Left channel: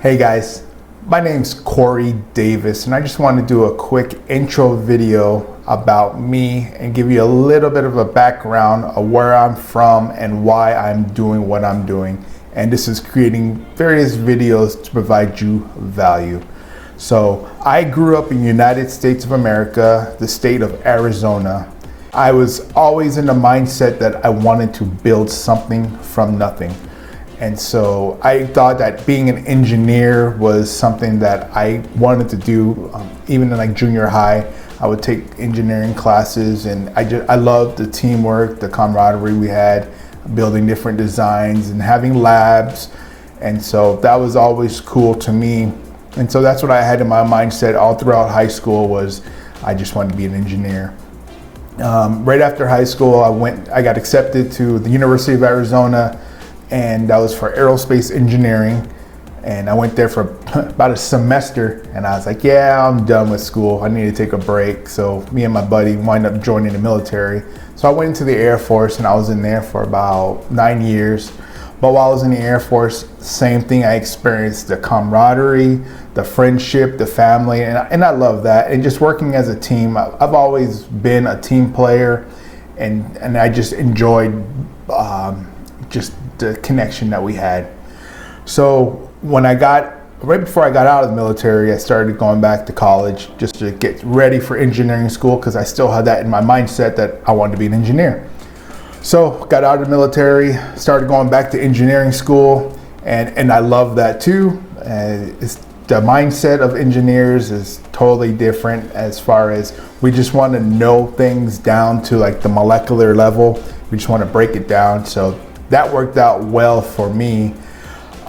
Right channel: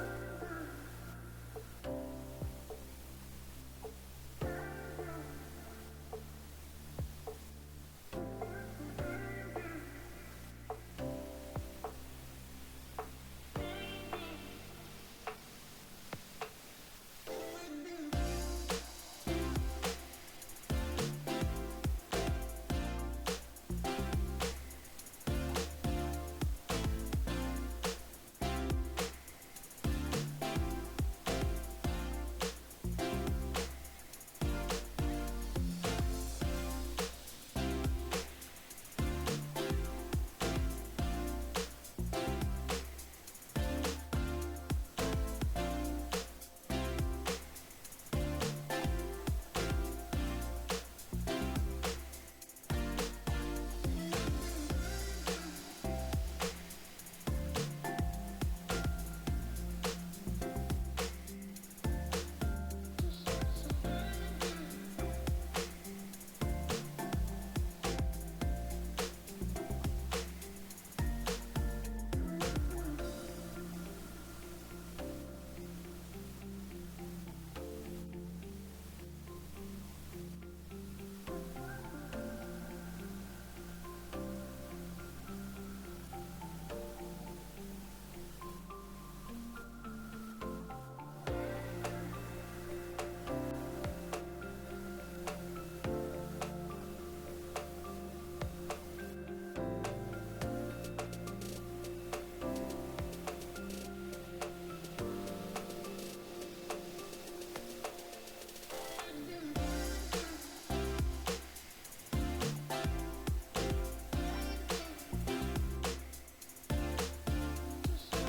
Hey guys, my name's Corey Davis, and I just want to do a quick intro video about me and give you a little bit of a background of where I'm from and why I'm doing what I'm doing. And this is creating various videos to provide you value. So I grew up in the United States of America, the state of Arizona. I was always in the mindset that I wanted to build something from nothing. And so I thought that being an engineer was something that I wanted to do. Even in like junior high, I would take engineering classes, and I loved the teamwork, the camaraderie we had, building different designs and having labs. And so that was always cool to me. And so that's what I had in my mindset all throughout high school, was I just wanted to be an engineer. Right after high school, I got accepted to the University of Arizona, and that was for aerospace engineering. And I went there for about a semester, and I was like, yeah, I'm done with school. I need to take a break. So me and my buddy wind up joining the military. So I went into the Air Force, and I was in there for about 9 years. But while I was in the Air Force, same thing, I experienced the camaraderie, the friendship, the family, and I love that. And just working as a team, I've always been a team player, and I just enjoyed just the connection that we had. So right before I got out of the military, I started going back to college just to get ready for engineering school, because I still had that in my mindset that I wanted to be an engineer. So got out of the military, started going back to engineering school, and I love that too. The mindset of engineers is totally different, as far as we just want to know things down to like the molecular level. We just want to break it down. So that worked out well for me.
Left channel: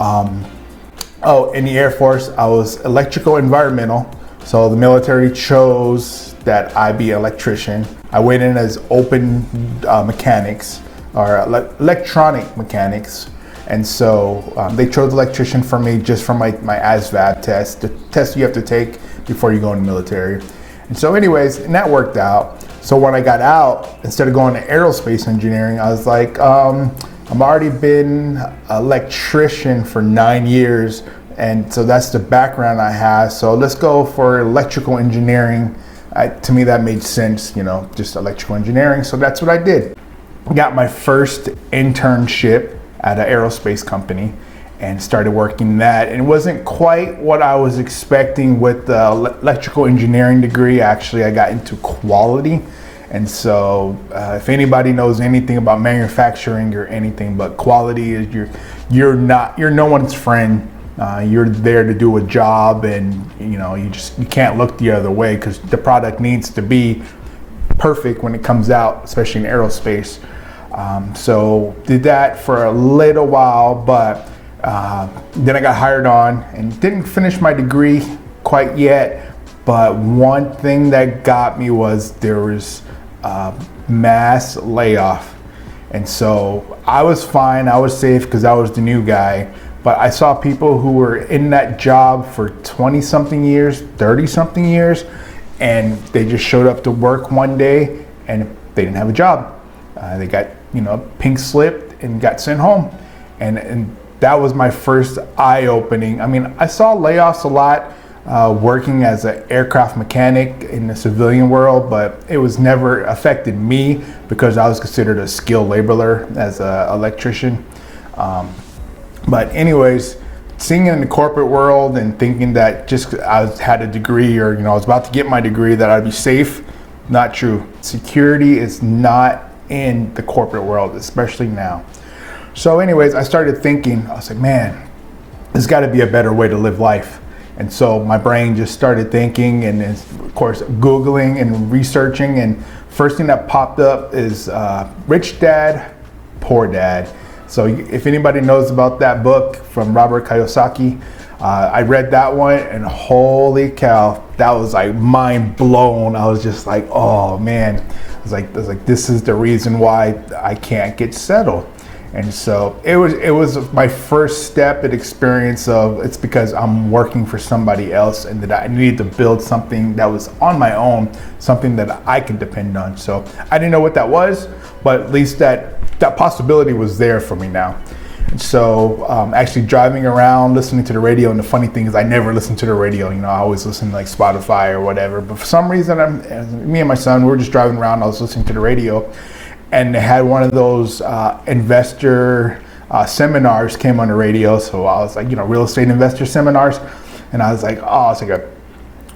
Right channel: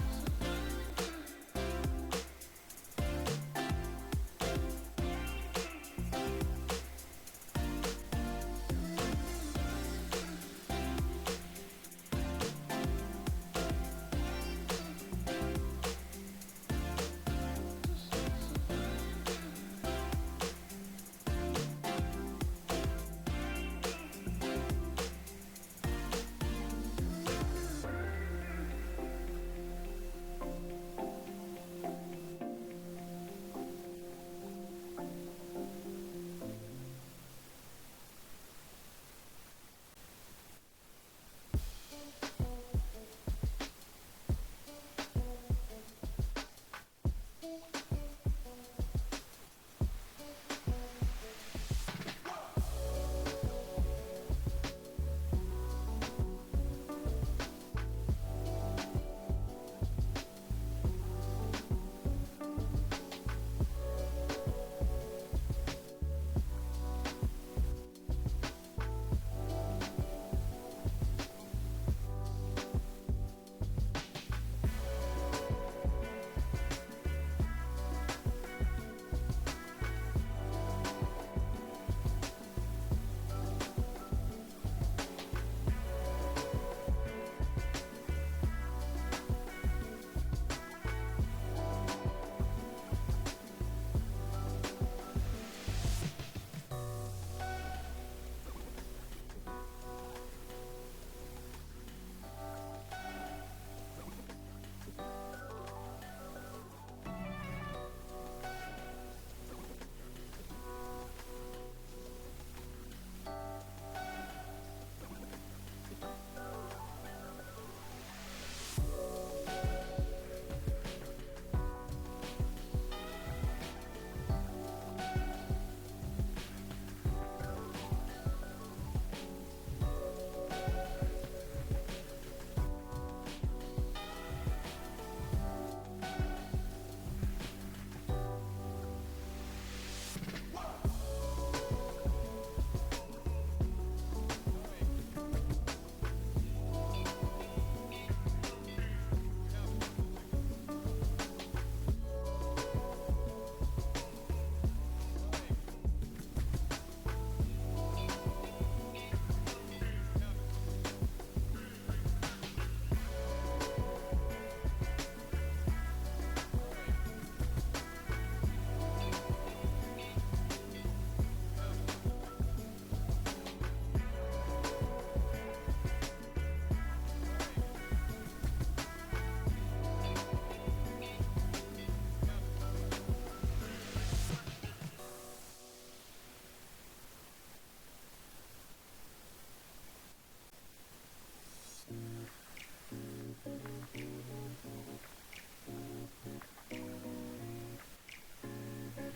In the Air Force, I was electrical environmental. So the military chose that I be an electrician. I went in as open mechanics, or electronic mechanics. And so they chose electrician for me just from my ASVAB test, the test you have to take before you go in the military. And so anyways, and that worked out. So when I got out, instead of going to aerospace engineering, I was like, I've already been an electrician for 9 years, and so that's the background I have. So let's go for electrical engineering. To me, that made sense, just electrical engineering. So that's what I did. Got my first internship at an aerospace company and started working that. And it wasn't quite what I was expecting with the electrical engineering degree. Actually, I got into quality. And so if anybody knows anything about manufacturing or anything, but quality is you're no one's friend. You're there to do a job, and you can't look the other way, because the product needs to be perfect when it comes out, especially in aerospace. So did that for a little while, but then I got hired on and didn't finish my degree quite yet. But one thing that got me was there was mass layoff. And so I was fine, I was safe, because I was the new guy. But I saw people who were in that job for 20 something years, 30 something years, and they just showed up to work one day and they didn't have a job. They got, pink slipped and got sent home. And that was my first eye-opening. I mean, I saw layoffs a lot working as an aircraft mechanic in the civilian world, but it was never affected me because I was considered a skilled laborer as an electrician. But anyways, seeing it in the corporate world and thinking that just I had a degree, or I was about to get my degree, that I'd be safe, not true. Security is not in the corporate world, especially now. So anyways, I started thinking, I was like, man, there's got to be a better way to live life. And so my brain just started thinking, and of course Googling and researching, and first thing that popped up is Rich Dad, Poor Dad. So if anybody knows about that book from Robert Kiyosaki, I read that one, and holy cow, that was like mind blown. I was just like, oh man, I was like, this is the reason why I can't get settled. And so it was my first step and experience of, it's because I'm working for somebody else, and that I needed to build something that was on my own, something that I can depend on. So I didn't know what that was, but at least that possibility was there for me now. So actually driving around, listening to the radio, and the funny thing is I never listen to the radio. I always listen to like Spotify or whatever. But for some reason, me and my son, we were just driving around. I was listening to the radio, and they had one of those investor seminars came on the radio. So I was like, real estate investor seminars. And I was like, oh, it's like a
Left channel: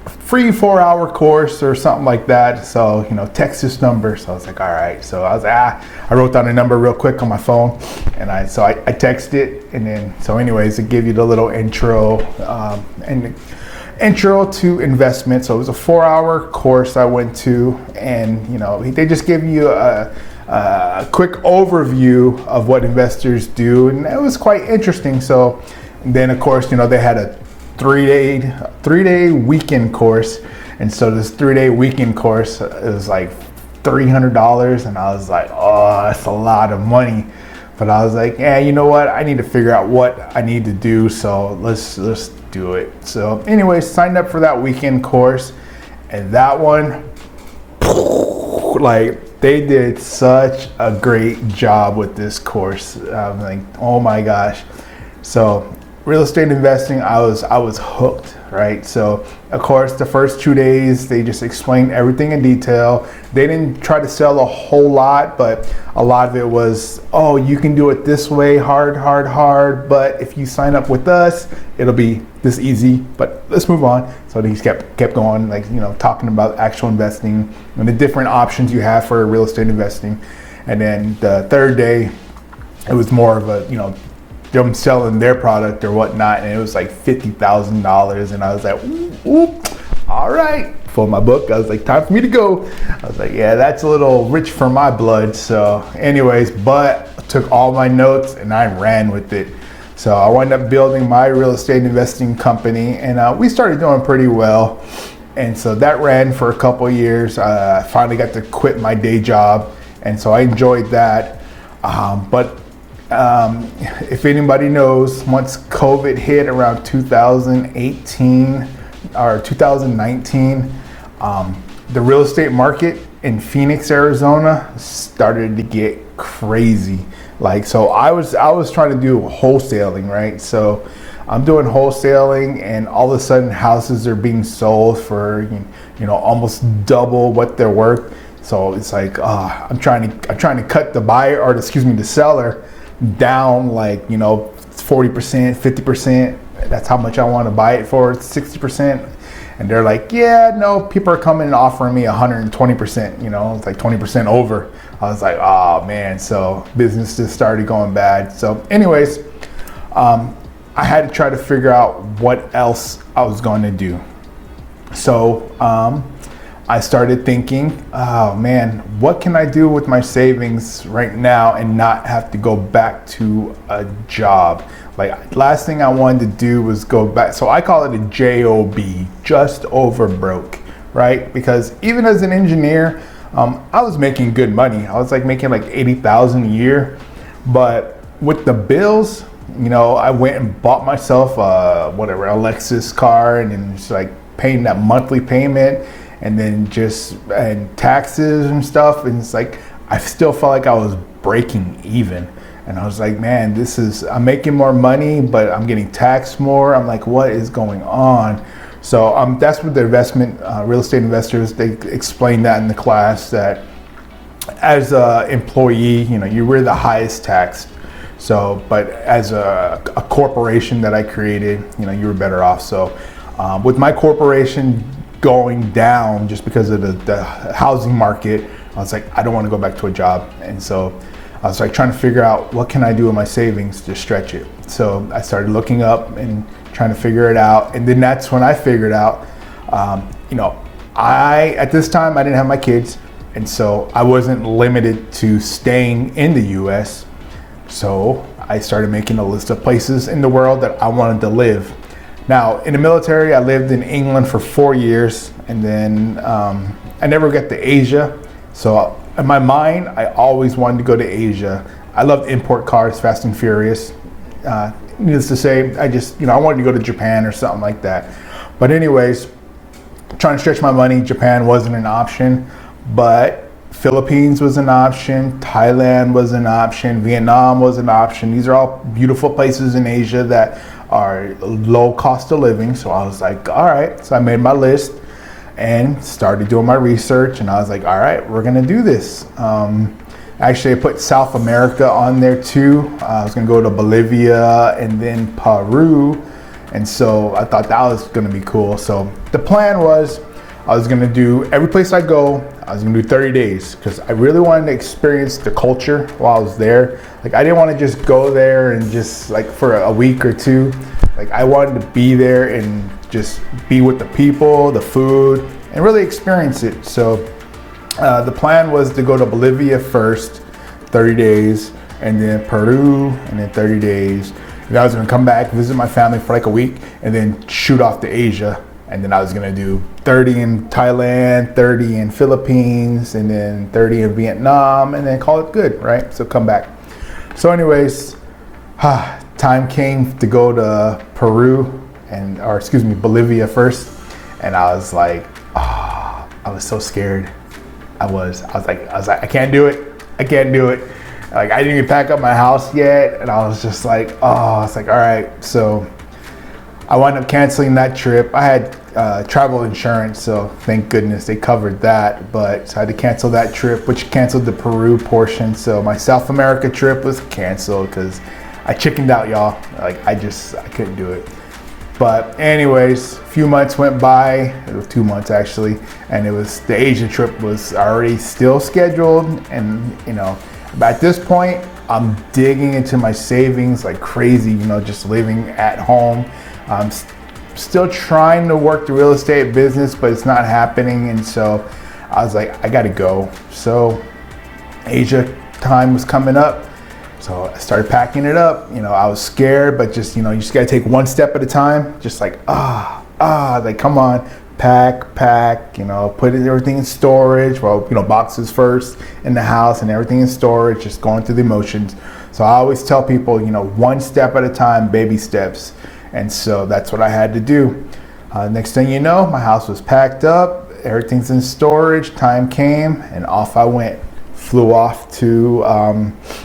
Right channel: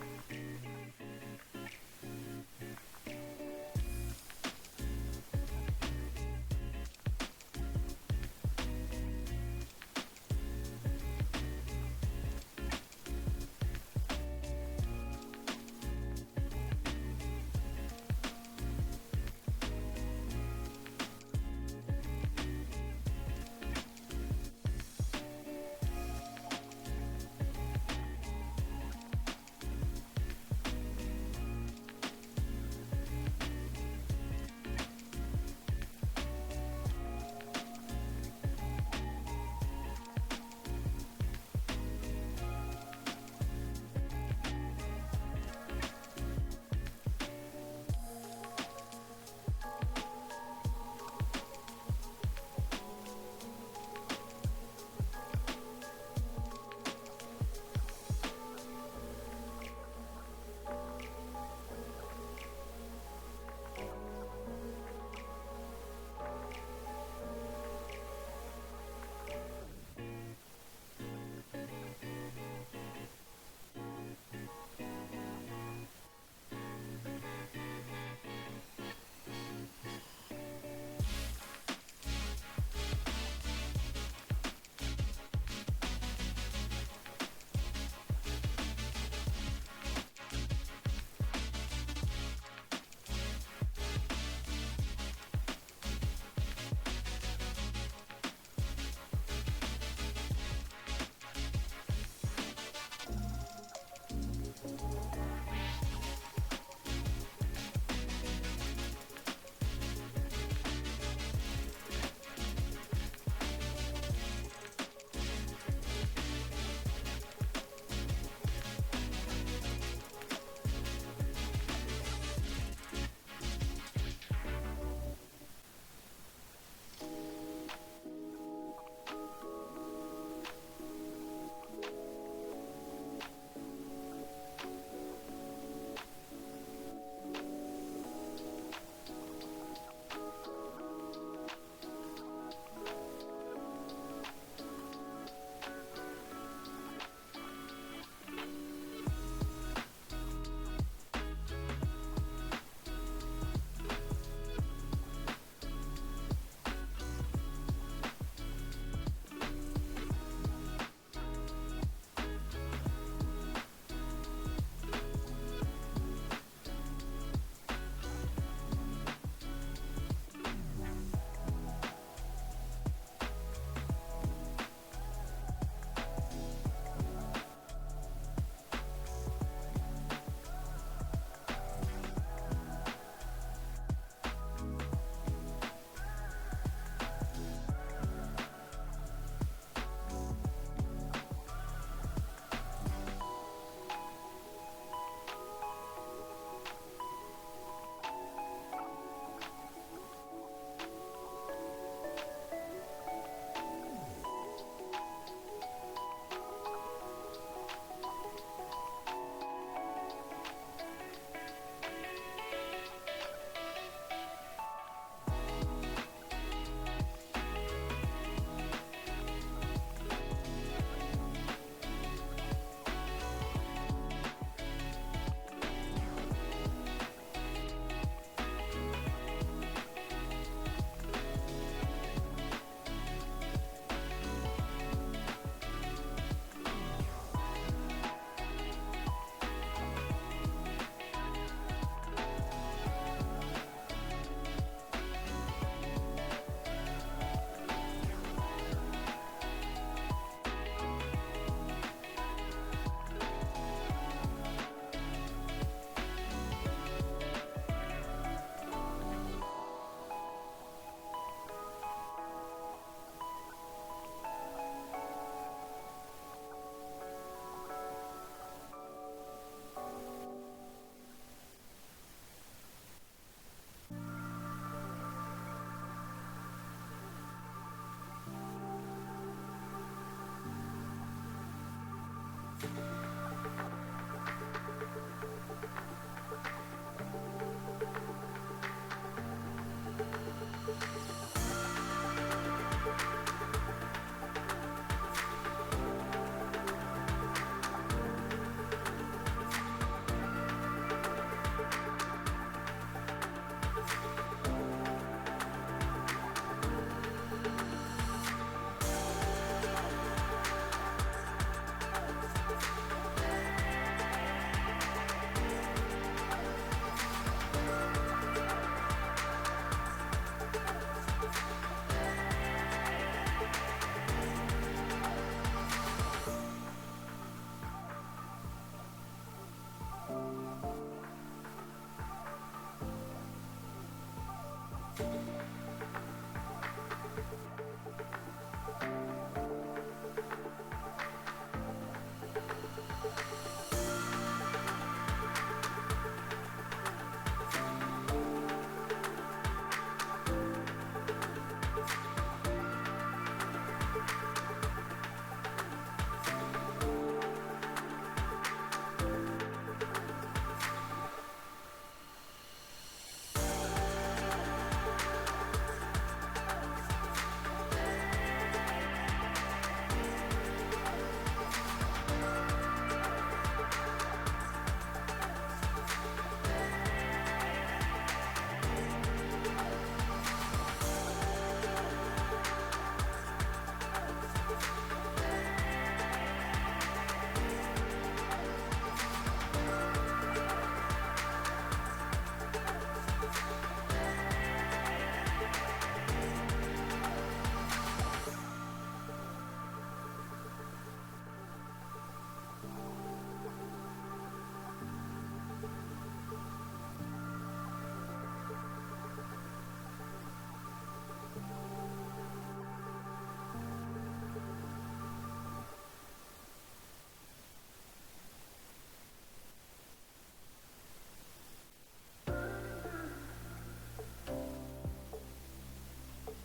free 4-hour course or something like that. So, text this number. So I was like, all right. So I was like, I wrote down a number real quick on my phone. And I texted it. And then, so anyways, it gave you the little intro to investment. So it was a 4-hour course I went to. And, they just give you a quick overview of what investors do. And it was quite interesting. So then, of course, they had a three-day weekend course, and so this 3-day weekend course is like $300, and I was like, oh, that's a lot of money. But I was like, yeah, you know what? I need to figure out what I need to do, so let's do it. So, anyways, signed up for that weekend course, and that one, like, they did such a great job with this course. I'm like, oh my gosh. So real estate investing, I was hooked, right? So of course the first 2 days they just explained everything in detail. They didn't try to sell a whole lot, but a lot of it was, oh, you can do it this way, hard, but if you sign up with us, it'll be this easy. But let's move on. So they just kept going, like, talking about actual investing and the different options you have for real estate investing. And then the third day, it was more of a, them selling their product or whatnot, and it was like $50,000, and I was like, ooh, all right. Pulled my book. I was like, time for me to go. I was like, yeah, that's a little rich for my blood. So anyways, but I took all my notes and I ran with it. So I wound up building my real estate investing company, and we started doing pretty well. And so that ran for a couple of years. I finally got to quit my day job, and so I enjoyed that. But if anybody knows, once COVID hit around 2018 or 2019, the real estate market in Phoenix, Arizona started to get crazy. Like, so I was trying to do wholesaling, right? So I'm doing wholesaling, and all of a sudden houses are being sold for, almost double what they're worth. So it's like, I'm trying to cut the seller down, like, 40%, 50%. That's how much I want to buy it for, 60%. And they're like, yeah, no, people are coming and offering me 120%, it's like 20% over. I was like, oh man, so business just started going bad. So anyways, I had to try to figure out what else I was going to do. So I started thinking, oh man, what can I do with my savings right now and not have to go back to a job? Like, last thing I wanted to do was go back. So I call it a JOB, just over broke, right? Because even as an engineer, I was making good money. I was like making like $80,000 a year. But with the bills, I went and bought myself a Lexus car, and then just like paying that monthly payment, and then and taxes and stuff. And it's like, I still felt like I was breaking even. And I was like, man, I'm making more money, but I'm getting taxed more. I'm like, what is going on? So that's what the real estate investors, they explained that in the class, that as an employee, you were the highest taxed. So, but as a corporation that I created, you were better off. So with my corporation going down just because of the housing market, I was like, I don't want to go back to a job. And so I was like trying to figure out, what can I do with my savings to stretch it? So I started looking up and trying to figure it out. And then that's when I figured out, at this time I didn't have my kids. And so I wasn't limited to staying in the US. So I started making a list of places in the world that I wanted to live. Now, in the military, I lived in England for 4 years, and then I never got to Asia. So in my mind, I always wanted to go to Asia. I loved import cars, Fast and Furious. Needless to say, I wanted to go to Japan or something like that. But anyways, trying to stretch my money, Japan wasn't an option. But Philippines was an option, Thailand was an option, Vietnam was an option. These are all beautiful places in Asia that are low cost of living. So I was like, all right. So I made my list and started doing my research, and I was like, all right, we're gonna do this. Actually, I put South America on there too. I was gonna go to Bolivia and then Peru. And so I thought that was gonna be cool. So the plan was, I was gonna do, every place I go, I was gonna do 30 days because I really wanted to experience the culture while I was there. Like, I didn't want to just go there and just like for a week or two. Like, I wanted to be there and just be with the people, the food, and really experience it. So the plan was to go to Bolivia first, 30 days, and then Peru, and then 30 days. And I was gonna come back, visit my family for like a week, and then shoot off to Asia. And then I was gonna do 30 in Thailand, 30 in Philippines, and then 30 in Vietnam, and then call it good, right? So come back. So anyways, time came to go to Peru, Bolivia first. And I was like, I was so scared. I was like, I can't do it. I can't do it. Like, I didn't even pack up my house yet. And I was just like, all right. So I wound up canceling that trip. I had travel insurance, so thank goodness they covered that. But so I had to cancel that trip, which canceled the Peru portion. So my South America trip was canceled because I chickened out, y'all. Like, I couldn't do it. But anyways, a few months went by. It was 2 months actually, and the Asia trip was already still scheduled. And at this point, I'm digging into my savings like crazy. Just living at home. I'm still trying to work the real estate business, but it's not happening. And so I was like, I gotta go. So Asia time was coming up. So I started packing it up. I was scared, but just, you just gotta take one step at a time. Just like, like, come on, pack, put everything in storage. Well, boxes first in the house and everything in storage, just going through the emotions. So I always tell people, one step at a time, baby steps. And so that's what I had to do. Next thing you know, my house was packed up, everything's in storage, time came, and off I went. Flew off to,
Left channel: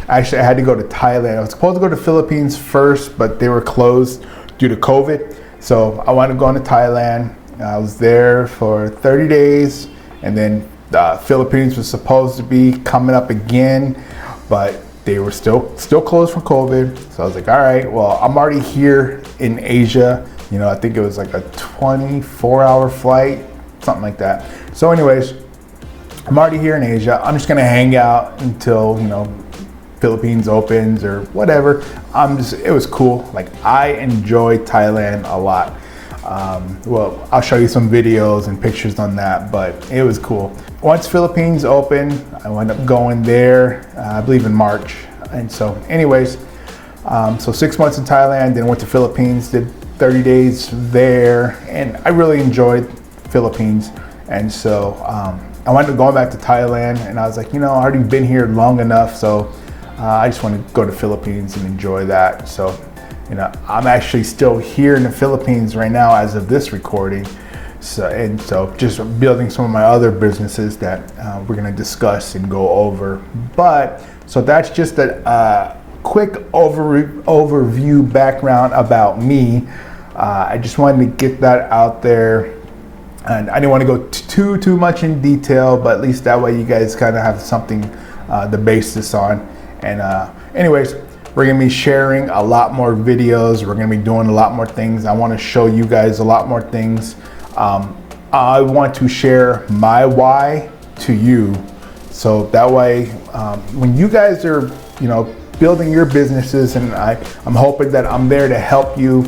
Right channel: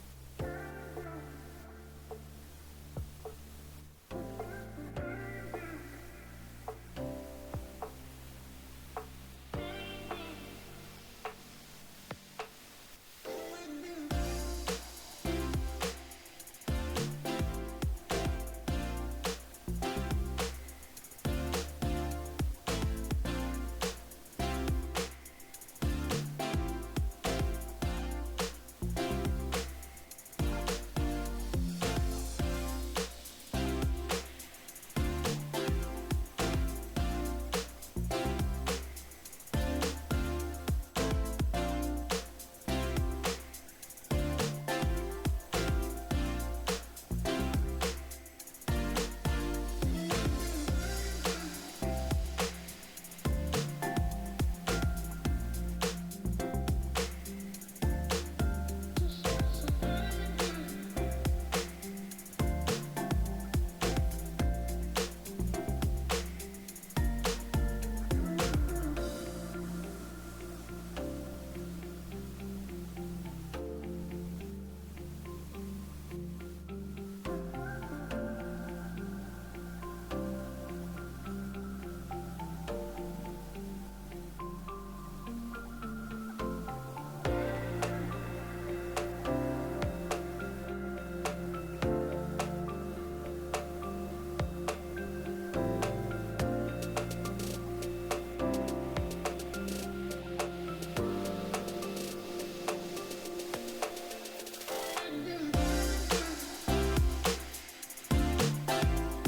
actually I had to go to Thailand. I was supposed to go to Philippines first, but they were closed due to COVID. So I wound up going to Thailand. I was there for 30 days, and then the Philippines was supposed to be coming up again, but they were still closed for COVID. So I was like, all right, well, I'm already here in Asia. I think it was like a 24-hour flight, something like that. So anyways, I'm already here in Asia. I'm just gonna hang out until, Philippines opens or whatever. It was cool. Like, I enjoyed Thailand a lot. Well, I'll show you some videos and pictures on that, but it was cool. Once Philippines opened, I wound up going there, I believe in March. And so anyways, so 6 months in Thailand, then went to Philippines, did 30 days there, and I really enjoyed Philippines. And so I wound up going back to Thailand, and I was like, I've already been here long enough, so I just want to go to Philippines and enjoy that. So, I'm actually still here in the Philippines right now as of this recording. So just building some of my other businesses that we're gonna discuss and go over. But, so that's just a quick overview background about me. I just wanted to get that out there. And I didn't want to go too much in detail, but at least that way you guys kind of have something to base this on. And anyways, we're gonna be sharing a lot more videos. We're gonna be doing a lot more things. I want to show you guys a lot more things. I want to share my why to you, so that way when you guys are building your businesses, and I'm hoping that I'm there to help you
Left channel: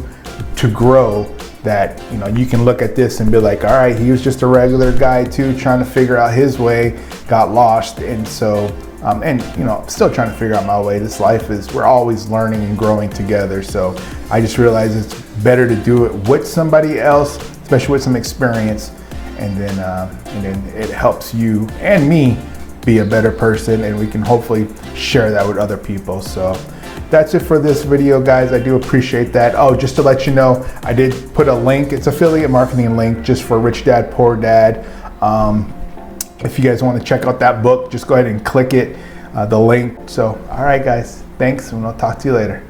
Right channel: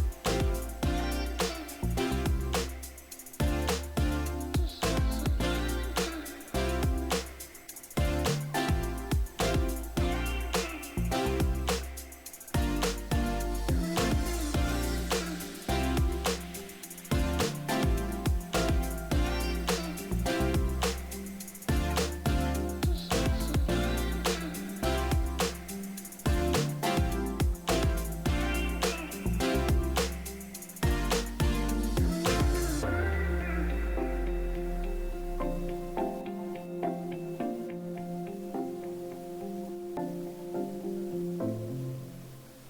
to grow, that you can look at this and be like, all right, he was just a regular guy too, trying to figure out his way, got lost. And so and still trying to figure out my way. This life we're always learning and growing together. So I just realized it's better to do it with somebody else, especially with some experience, and then it helps you and me be a better person, and we can hopefully share that with other people. So that's it for this video, guys. I do appreciate that. Oh, just to let you know, I did put a link. It's affiliate marketing link just for Rich Dad Poor Dad. If you guys want to check out that book, just go ahead and click it, the link. So, all right, guys, thanks, and I'll talk to you later.